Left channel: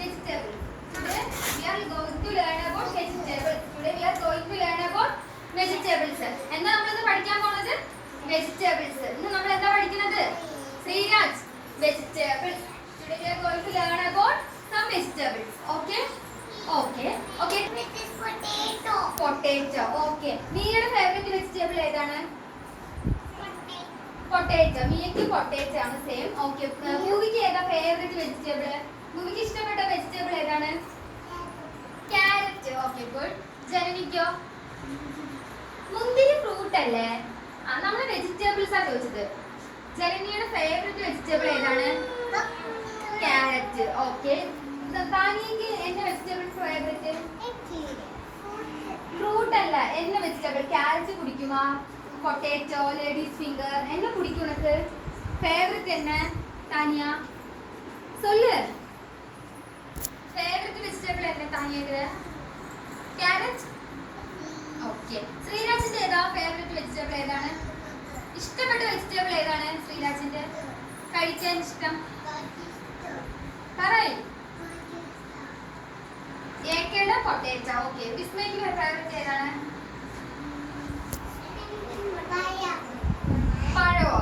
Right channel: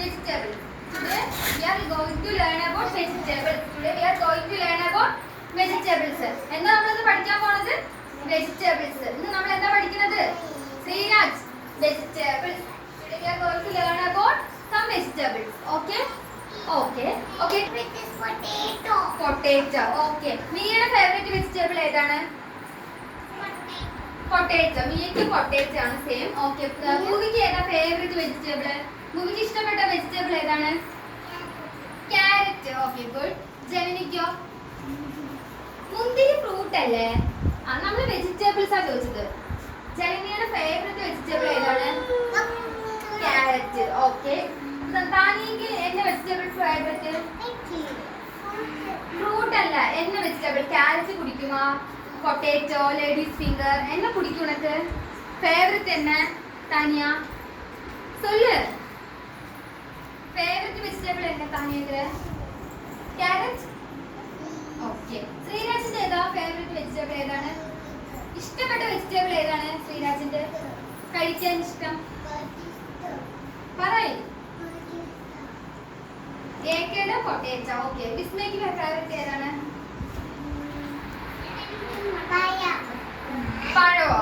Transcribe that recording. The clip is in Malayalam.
vegetables. Today we are going to learn about vegetables. Today we are going to learn about vegetables. എന്താ നമ്മൾ ഇന്ന് പഠിക്കാൻ പോകുന്നത്? Vegetables. ഇന്ന് നമ്മൾ എന്താ പഠിക്കുന്നത്? Sreeraj, vegetables. Today we are going to learn about some vegetables. Okay? Okay. Okay. Which is potato. Potato. Okay. നിങ്ങളുടെ ഫേവറേറ്റ് വെജിറ്റബിൾ ഏതാണ്? പൊട്ടേറ്റോ. മിയക്ക് പൊട്ടേറ്റോ ആണ് സെയിം. ഓക്കെ. മൂവിക്ക് ഏതാ ഫേവറേറ്റ് വെജിറ്റബിൾ? മൂവിക്ക് ഇഷ്ടപ്പെട്ട വെജിറ്റബിൾ ഏതാണ്? ക്യാരറ്റ്. Okay good. ജനനിക്കോ? മുന്തിരി ഫ്രൂട്ട് അല്ലേ? ആ നമ്മൾ വെജിറ്റബിൾസ് ആ ചോദിച്ചത്. ജനനിയുടെ ഫേവറേറ്റ് വെജിറ്റബിൾ ഏതാണ്? ക്യാരറ്റ്. ഓക്കെ. താനിക്ക് എന്ന വെജിറ്റബിൾ ഫേവറേറ്റ്? ഫ്രൂട്ട് അല്ല, എന്ന വെജിറ്റബിൾ? ക്യാരറ്റ് കുടിക്കുമോ? പൊട്ടേറ്റോ, ലേഡീസ് ഫിംഗർ என்ன பிடிக்கும் உனக்கு? ஃபேவரட் என்ன தானியா? சொல்லு. ஃபேவரட் வெஜிറ്റബിൾ என்ன தானியாக்கு? ക്യാരറ്റ്. ഓക്കേ. ശ്രീരാജിന്റെ ഏതാ ഫേവററ്റ് വെജിറ്റബിൾ ഏതാണ്? ഇഷ്ടപ്പെട്ട വെജിറ്റബിൾ ഏതാണ് ശ്രീരാജിന്റെ? കഴിക്കാൻ ഇഷ്ടം പറയ്. ഏക്കയുടെ പൊട്ടേറ്റോ. ഓക്കേ. വിസ്മയ്ക്ക് ഫേവററ്റ് ഏതാണ്? പഴമോ?